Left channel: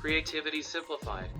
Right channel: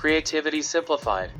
Creativity simplified.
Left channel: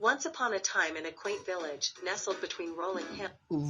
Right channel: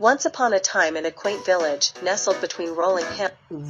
Once upon a time in a quaint village, nestled between rolling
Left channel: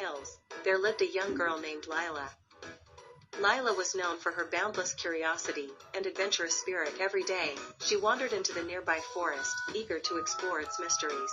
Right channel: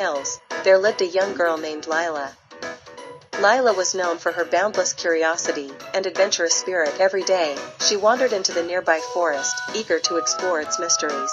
hills, there lived a young girl named Lila. Lila was known for her boundless curiosity and adventurous spirit. Every day, she wandered into the nearby forest, eager to explore its mysteries.